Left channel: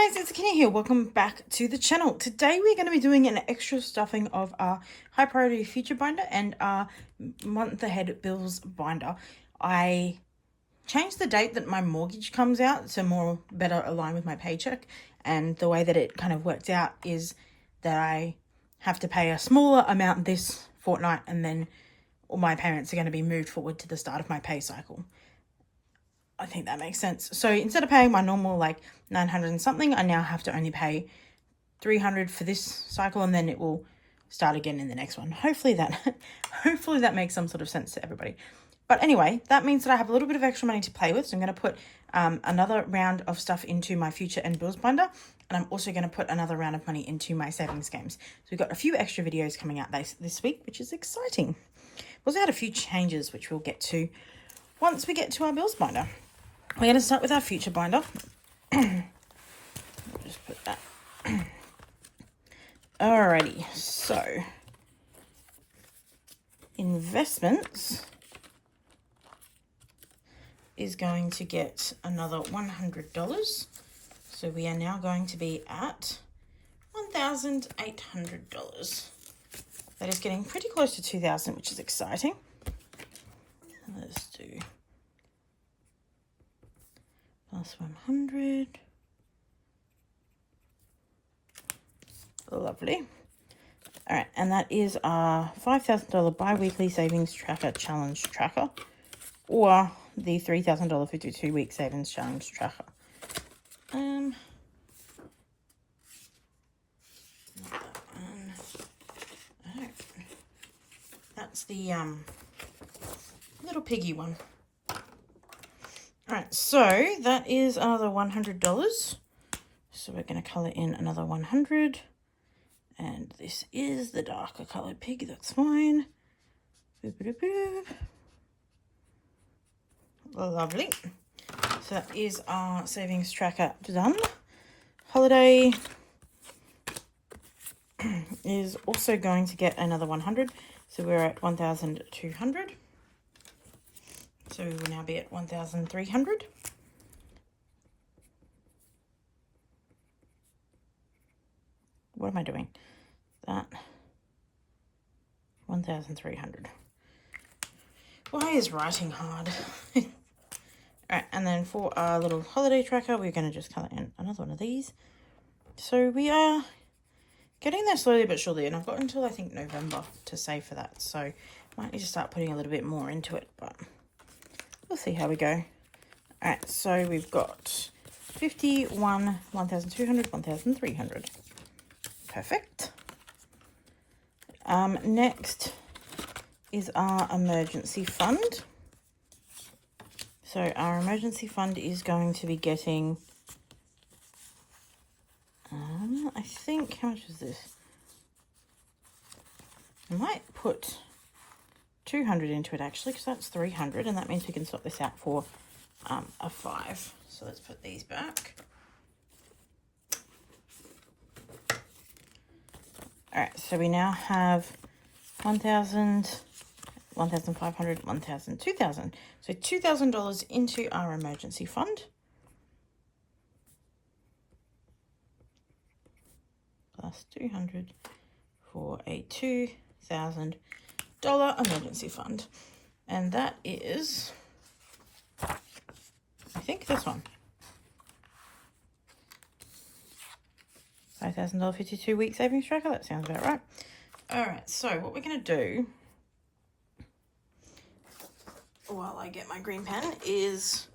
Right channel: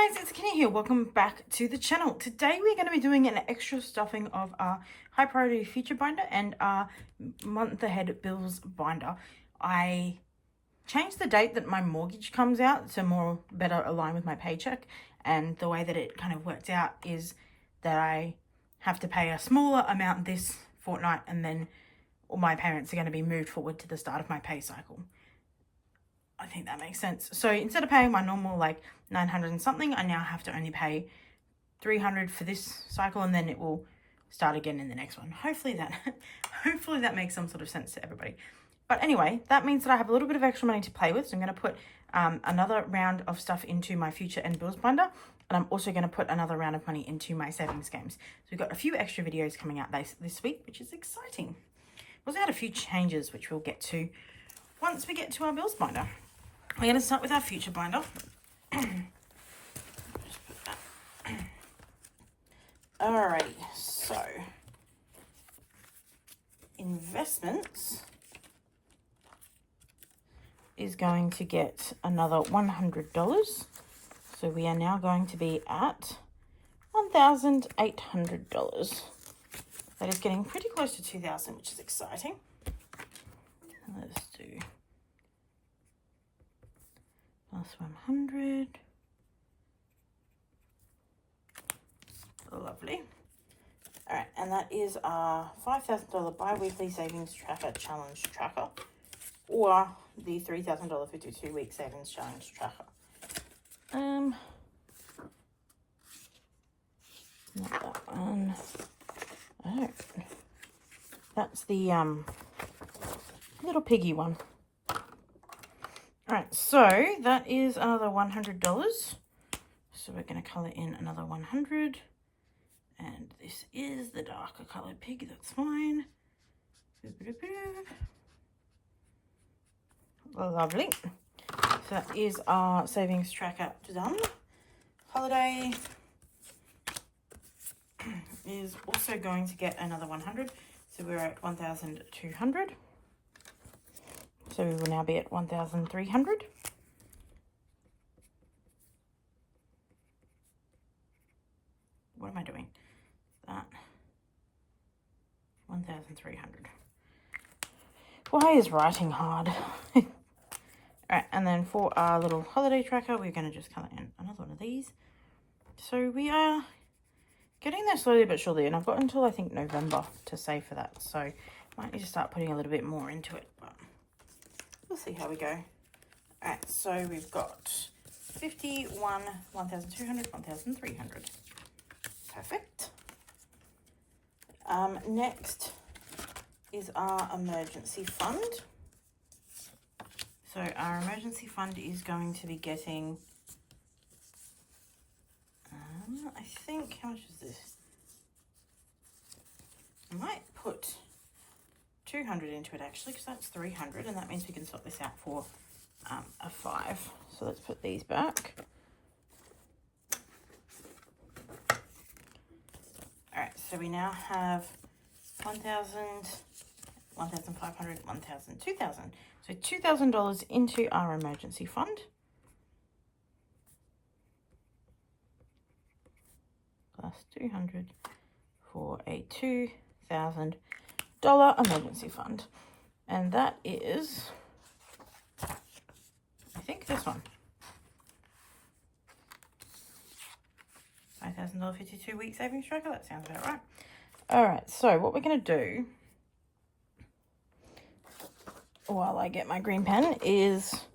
Hi guys, it's Kenny here. Welcome back to the channel. Today we're going to be doing an extra stuffing of our high priority future binder and our month ahead bills binder. I changed the date that my mortgage comes out to better align with my paycheck, and the way that it kind of works out is that I have to pay a smaller amount this fortnight, and then all my payments are going to be moved forward to the start of my pay cycle. I think that makes sense. So instead of paying my normal like 900 and something, I now have to only pay 300 for this cycle, and then it will start again in the next one. Hopefully that makes some sort of sense to everybody. But anyway, that means that I have a little bit of extra money to play with. So I'm going to put another round of stuff into my future and bills binder, and I'm also going to put another round of money into my savings games. So we've got a few extra videos coming out this week, which is exciting. We also had a few changes, which we'll get to once we get to our bills binder. We're going to start with our future binder. Just put that. Alrighty, so investments is going to get another $100. So we are now going to be at $1,800. That is getting pretty close to 2,000, which is exciting. Let's do plus 100. Lovely. All right, and that is our $5,000 bi-weekly savings tracker challenge tracker, or the $3,000 52-week savings challenge tracker. Not that one. All right, that's the little piggy one. All right, so that is another $100. So we're going to color in another 100. And this is the darker colored pig, that's fine. Boop, boop, boop. Lovely. So that is our savings tracker done. Holiday is also going to get another 100. So we're at 1,200. So we will now be at 1,300. What am I doing? That 1,300. Why is writing hard? All right, and then for our little holiday tracker, we're going to just color in another one of these. So we are getting there slowly but surely, and I've got until I think November to save for that. So I might need to start putting a little bit more into it, but we'll see how we go. All right, so we've got 51, 1,200, 1,300. Perfect. Next is our emergency fund. So our emergency fund is going to be getting, I think, how much is this? I might put 200 into it actually, because that's 300, and that means we can swap this out for a 5. So let's put these back. All right, so we now have 1,000, 1,500, 1,000, 2,000. So $2,000 into our emergency fund. Plus 200 for a $2,000 emergency fund. And that is, I think, this one. $5,000 52-week savings tracker. That sounds about right. All right, so what we're going to do while I get my green pen is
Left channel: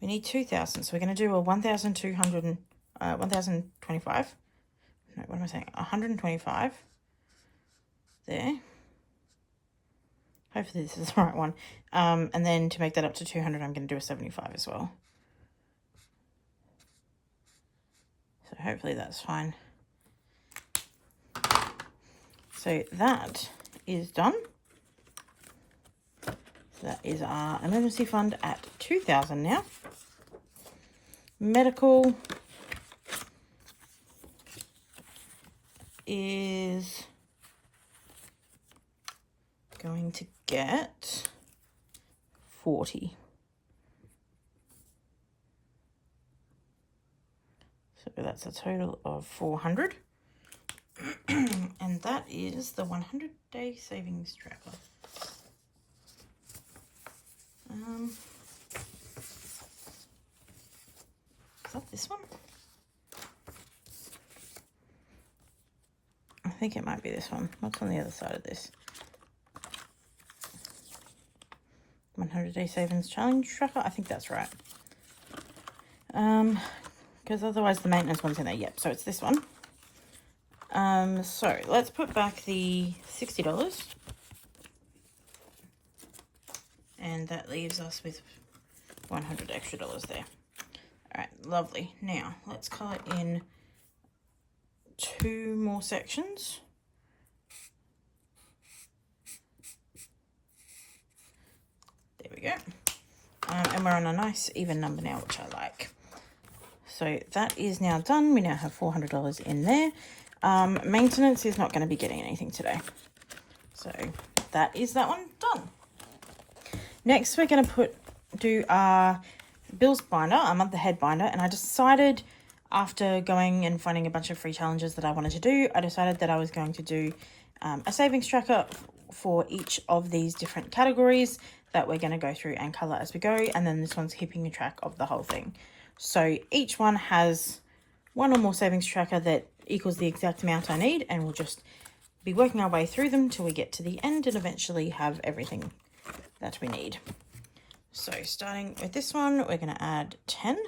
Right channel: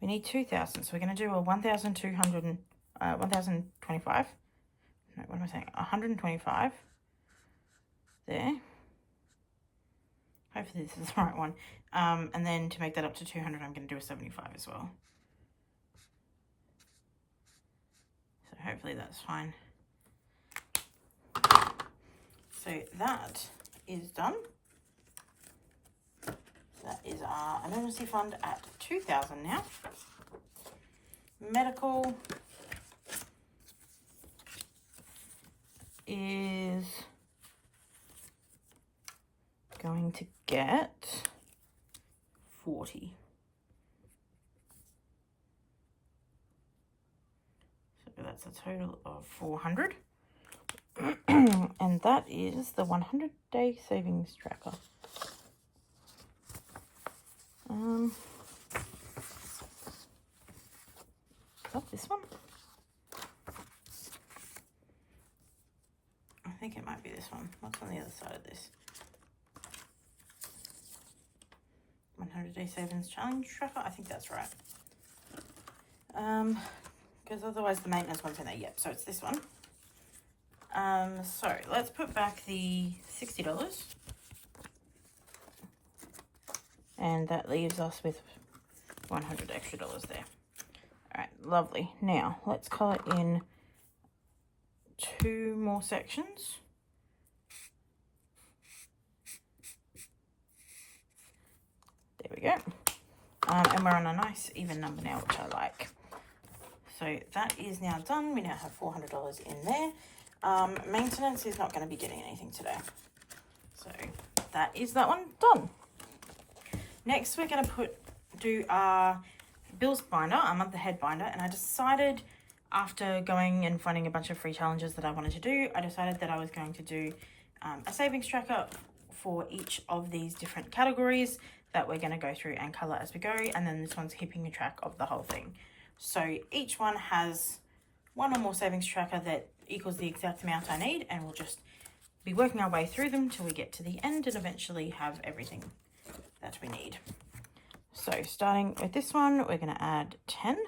we need 2,000. So we're going to do a 1,200, 1,025. No, what am I saying? 125 there. Hopefully this is the right one. And then to make that up to 200, I'm going to do a 75 as well. So hopefully that's fine. So that is done. So that is our emergency fund at 2,000 now. Medical is going to get 40. So that's a total of 400. And that is the 100-day savings tracker. Is that this one? I think it might be this one. What's on the other side of this? 100-day savings challenge tracker. I think that's right. Because otherwise the maintenance one's in there. Yep, so it's this one. So let's put back the $60. And that leaves us with 100 extra dollars there. All right, lovely. Now let's color in 2 more sections. There we go. And we're on a nice even number now, which I like. So that is now done. We now have $400 in there. Maintenance is not going to be getting anything today. So that is that one done. Next, we're going to do our bills binder, our month ahead binder. And I decided, after going and finding a bunch of free challenges that I wanted to do, I decided that I was going to do a savings tracker for each of these different categories that we're going to go through and color as we go. And then this one's keeping track of the whole thing. So each one has one or more savings tracker that equals the exact amount I need, and we'll just be working our way through them till we get to the end and eventually have everything that we need. So starting with this one, we're going to add 10,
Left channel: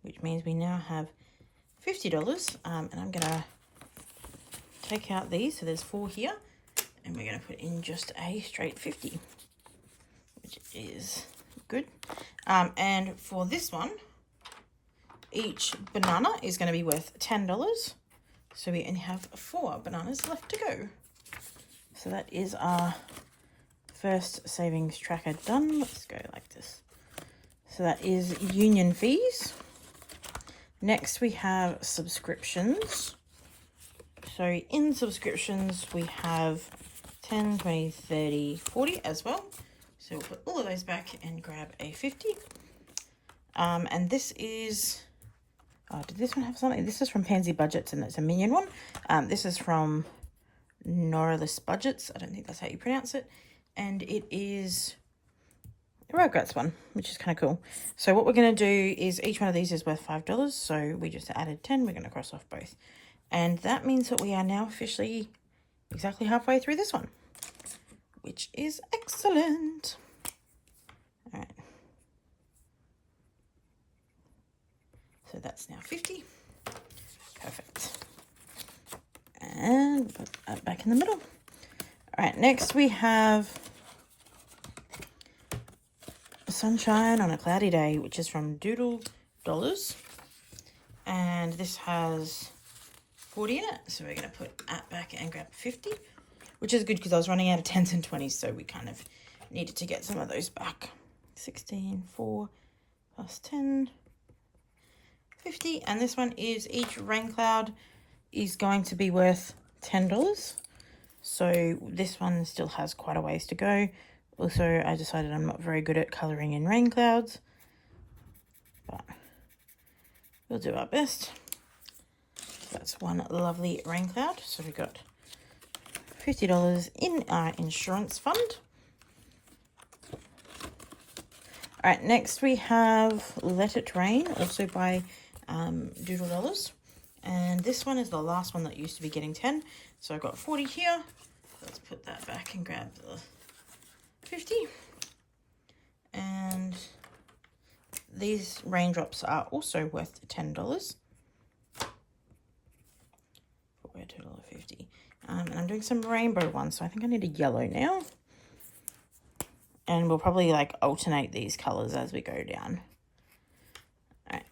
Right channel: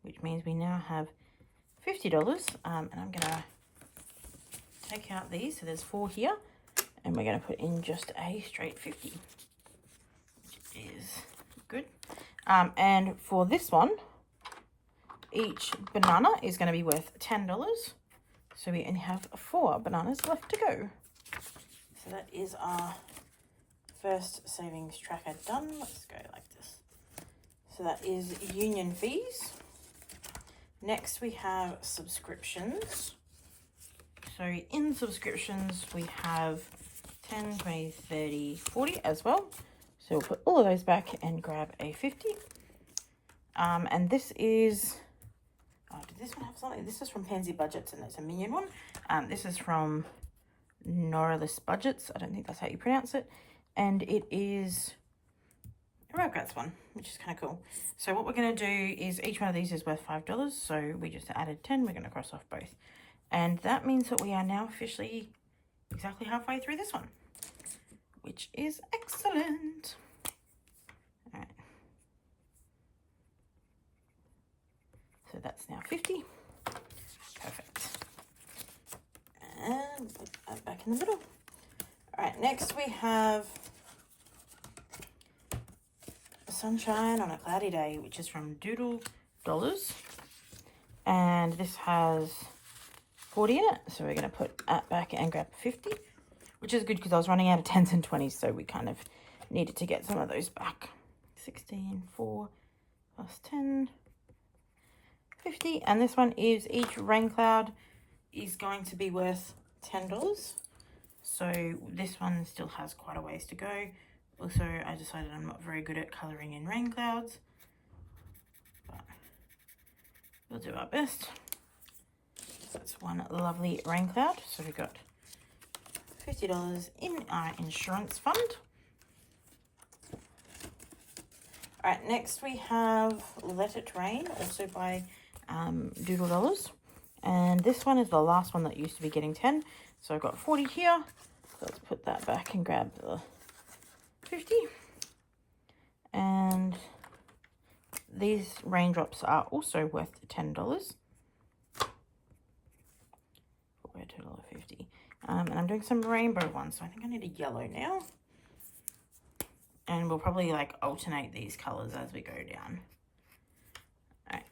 which means we now have $50. And I'm going to take out these. So there's 4 here, and we're going to put in just a straight 50, which is good. And for this one, each banana is going to be worth $10. So we only have 4 bananas left to go. So that is our first savings tracker done. Let's go like this. So that is union fees. Next we have subscriptions. So in subscriptions we have 10, 20, 30, 40 as well. So we'll put all of those back and grab a 50. And this is, oh, did this one have something? This is from Pansy Budgets, and it's a Minion one. This is from Noralis Budgets. I don't think that's how you pronounce it. And it is a Rugrats one, which is kind of cool. So what we're going to do is each one of these is worth $5. So we just added 10. We're going to cross off both. And that means that we are now officially exactly halfway through this one, which is excellent. All right. So that's now 50. Perfect. And put that back in the middle. All right, next we have Sunshine on a Cloudy Day, which is from Doodle Dollars. And this has 40 in it. So we're going to put that back and grab 50, which is good because I was running out of 10s and 20s. So we kind of needed to get some of those back. 16, 4 plus 10, 50. And this one is each rain cloud is going to be worth $10. So this one still has quite a ways to go. Also, I decided I'm not very good at colouring in rain clouds, but we'll do our best. That's one lovely rain cloud. So we've got $50 in our insurance fund. All right, next we have Let It Rain, also by Doodle Dollars. And this one is the last one that used to be getting 10. So I've got 40 here. Let's put that back and grab the 50. And these raindrops are also worth $10. For a total of 50. And I'm doing some rainbow ones, so I think I need a yellow now. And we'll probably like alternate these colors as we go down. All right.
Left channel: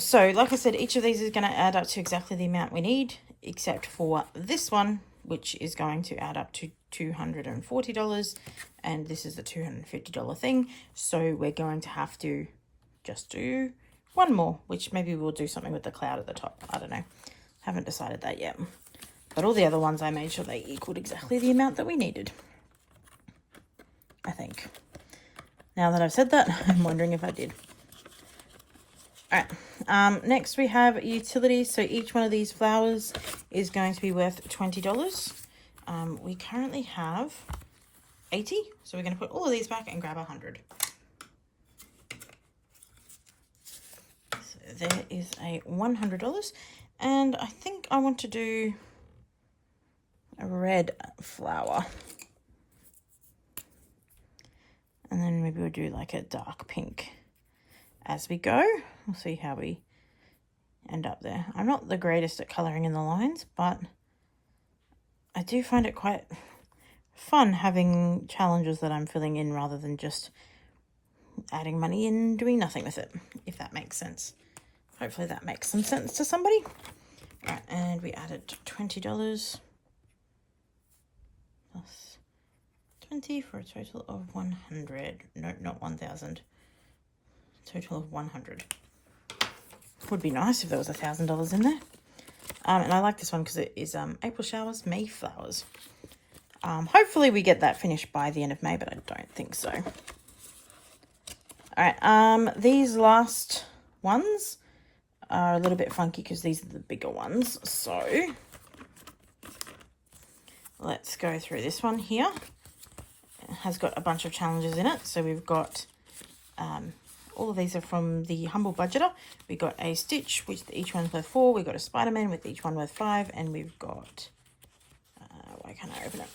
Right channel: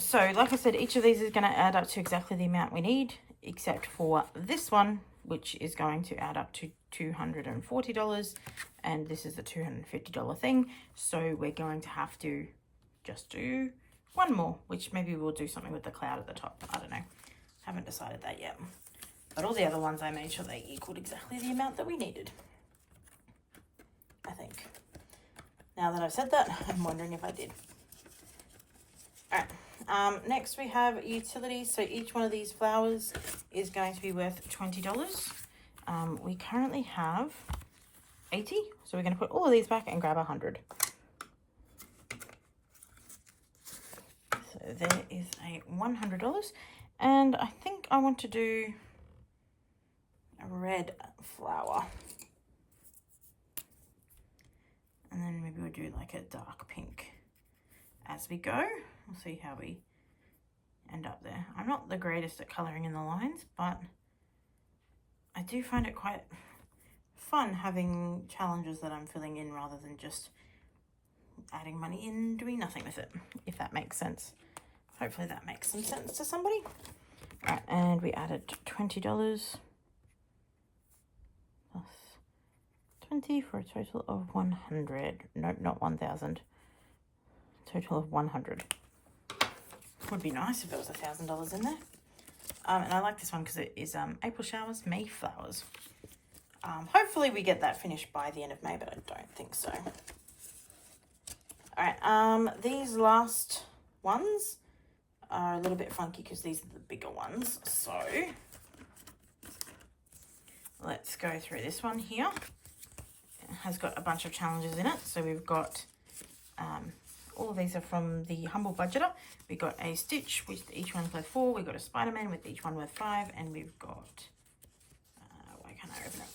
So like I said, each of these is going to add up to exactly the amount we need, except for this one, which is going to add up to $240. And this is the $250 thing. So we're going to have to just do one more, which maybe we'll do something with the cloud at the top. I don't know. Haven't decided that yet. But all the other ones, I made sure they equaled exactly the amount that we needed, I think. Now that I've said that, I'm wondering if I did. Alright, next we have utilities. So each one of these flowers is going to be worth $20. We currently have 80, so we're going to put all of these back and grab 100. So there is a $100, and I think I want to do a red flower. And then maybe we'll do like a dark pink as we go. We'll see how we end up there. I'm not the greatest at colouring in the lines, but I do find it quite fun having challenges that I'm filling in rather than just adding money and doing nothing with it, if that makes sense. Hopefully that makes some sense to somebody. All right, and we added $20 plus 20 for a total of 100. No, not 1,000. Total of 100. Would be nice if there was $1,000 in there. And I like this one because it is April showers, May flowers. Hopefully we get that finished by the end of May, but I don't think so. All right, these last ones are a little bit funky because these are the bigger ones. So let's go through this one here. It has got a bunch of challenges in it. So we've got, all of these are from the Humble Budgeter. We got a Stitch, with each one's worth 4. We got a Spider-Man with each one worth 5. And we've got, why can't I open it?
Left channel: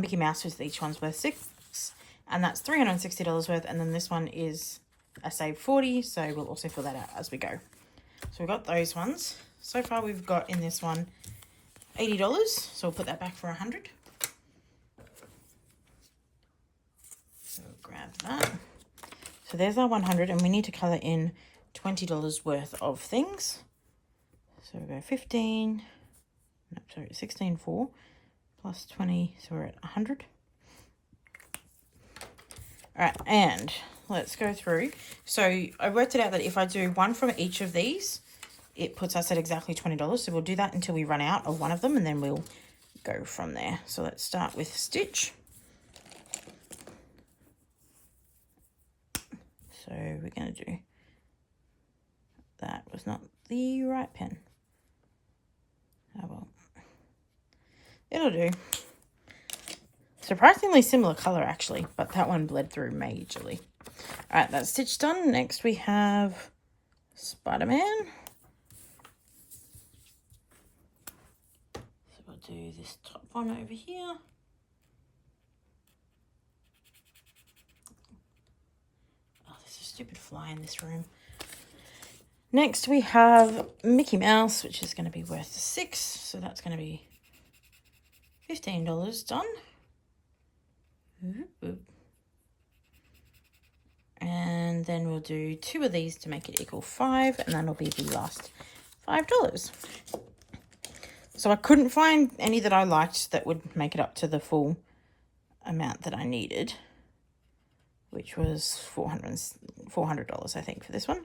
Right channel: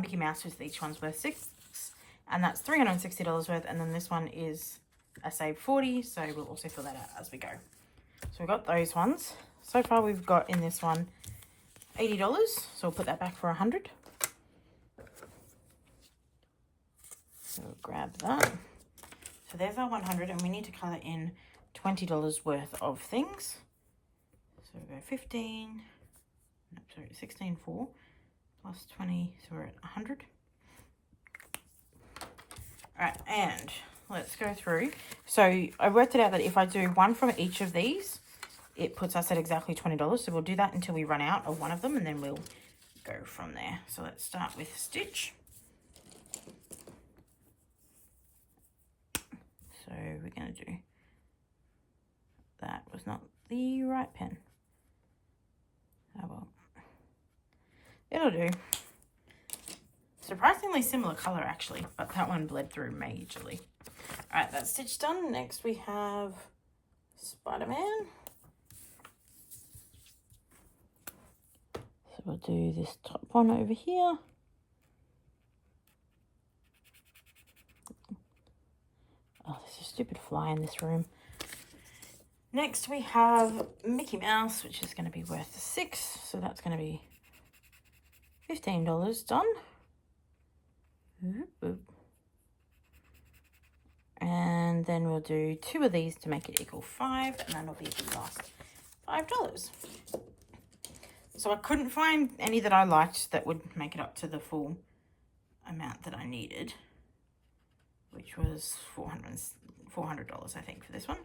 Mickey Mouse with each one's worth 6. And that's $360 worth. And then this one is a save 40. So we'll also fill that out as we go. So we've got those ones. So far we've got in this one $80. So we'll put that back for 100. So we'll grab that. So there's our 100, and we need to colour in $20 worth of things. So we go 15, no, sorry, 16, 4 plus 20, so we're at 100. All right, and let's go through. So I worked it out that if I do one from each of these, it puts us at exactly $20. So we'll do that until we run out of one of them, and then we'll go from there. So let's start with Stitch. So we're going to do, that was not the right pen. Oh well, it'll do. Surprisingly similar colour actually, but that one bled through majorly. All right, that's Stitch done. Next we have Spider-Man. So we'll do this top one over here. Oh, there's a stupid fly in this room. Next we have Mickey Mouse, which is going to be worth 6. So that's going to be $15 done. And then we'll do 2 of these to make it equal 5, and then it'll be the last $5. So I couldn't find any that I liked that would make it up to the full amount that I needed, which was $400 I think for this one.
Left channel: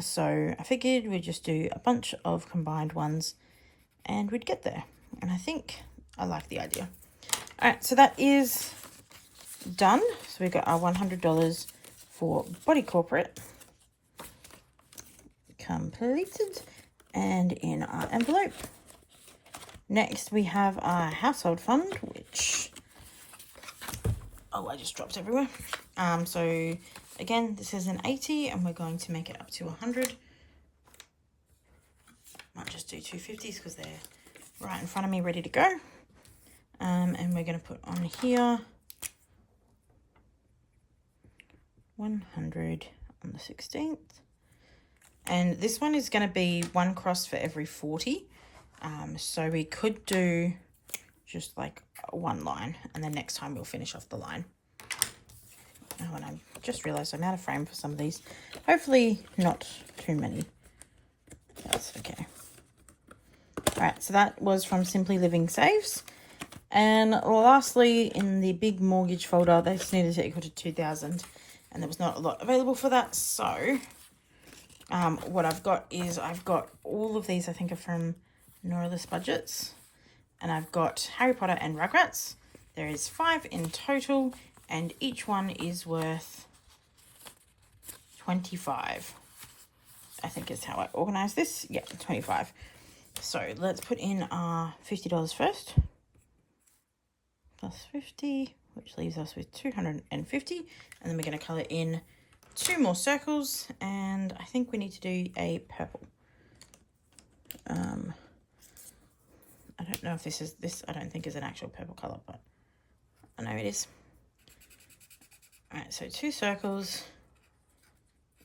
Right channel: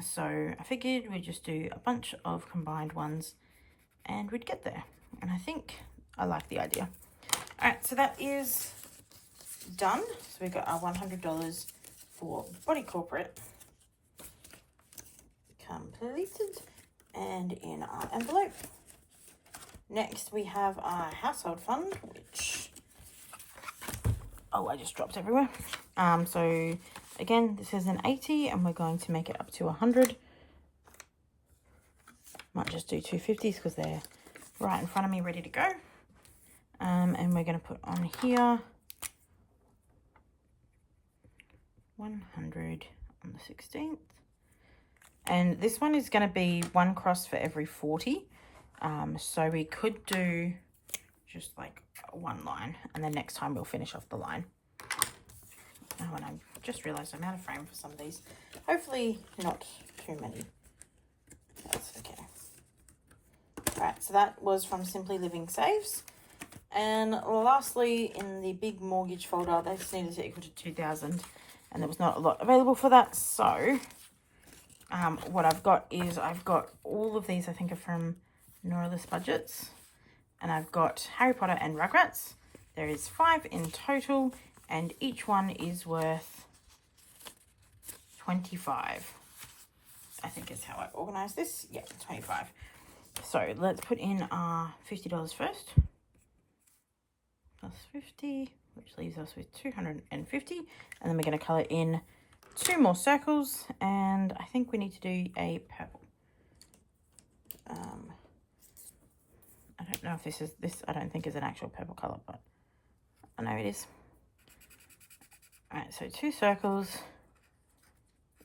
So I figured we'd just do a bunch of combined ones and we'd get there. And I think I like the idea. All right, so that is done. So we got our $100 for Body Corporate completed and in our envelope. Next we have our Household Fund, which, oh, I just dropped everywhere. So again, this is an 80 and we're going to make it up to 100. Might just do 250s because they're right in front of me ready to go. And we're going to put on here 100 on the 16th. And this one is going to be 1 cross for every 40. So we could do just like 1 line, and then next time we'll finish off the line. Oh, and I just realized I'm out of frame for some of these. Hopefully not too many. That's okay. All right, so that was from Simply Living Saves. And lastly, in the big mortgage folder, they just needed to equal to 2,000, and there was not a lot available for that. So what I've got is I've got all of these, I think, are from Noryless Budgets, and I've got Harry Potter and Rugrats. There is 5 in total, and each one is worth 25. I think is how I organize this. Yeah, 25. So let's put in our $50 first. Plus 50, which leaves us with 250. And then we're going to color in 2 more circles. And I think we need to do a purple. I don't know if this I don't think is an actual purple color, but I know it is. All right, so 2 circles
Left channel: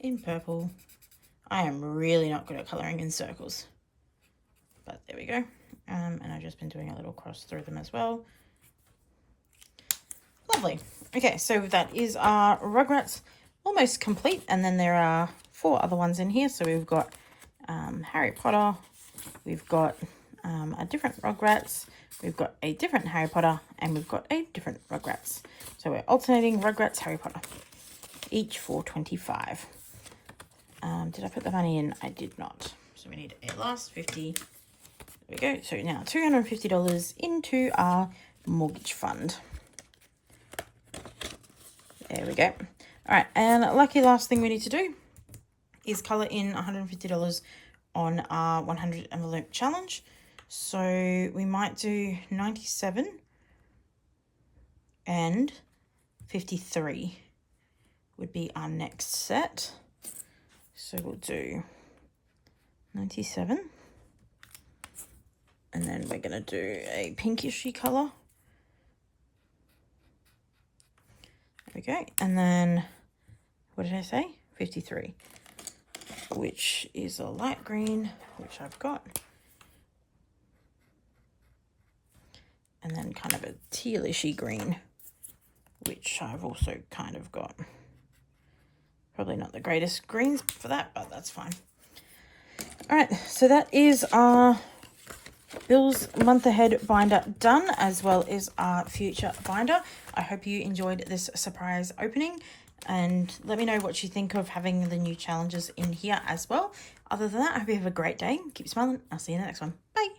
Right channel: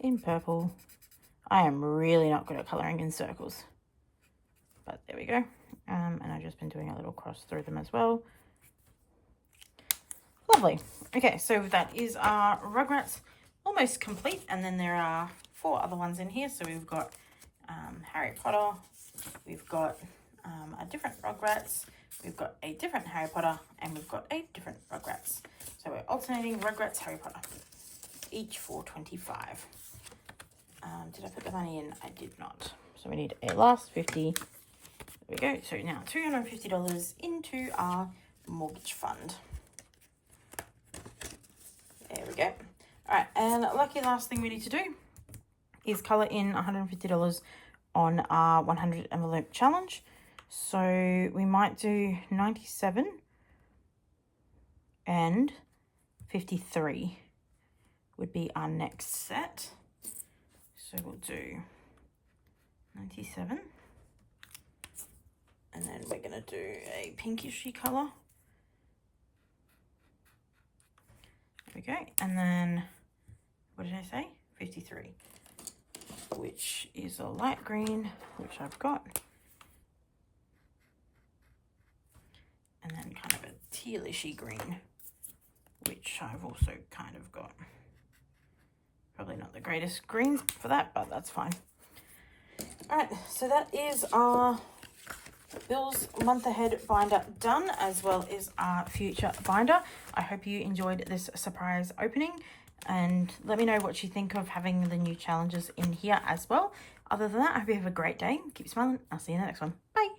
in purple. I am really not good at coloring in circles, but there we go. And I've just been doing a little cross through them as well. Lovely. Okay, so that is our Rugrats almost complete, and then there are 4 other ones in here. So we've got Harry Potter, we've got a different Rugrats, we've got a different Harry Potter, and we've got a different Rugrats. So we're alternating Rugrats, Harry Potter, each for 25. Did I put the money in? I did not. So we need a last 50. There we go. So now $250 into our mortgage fund. There we go. All right, and lucky last thing we need to do is color in $150 on our 100 envelope challenge. So we might do 97 and 53 would be our next set. So we'll do 97, and then we're going to do a pinkishy color. There we go. And then, what did I say? 53, which is a light green, which I've got. And then kind of a tealishy green, which I've also kind of got. Probably not the greatest greens for that, but that's fine. All right, so that is our Bill's month ahead binder done, as well as our future binder. I hope you enjoyed this surprise opening, and let me know what you think of having the new challenges in here as well. Other than that, I hope you have a great day. Keep smiling. I'll see you in the next one. Bye.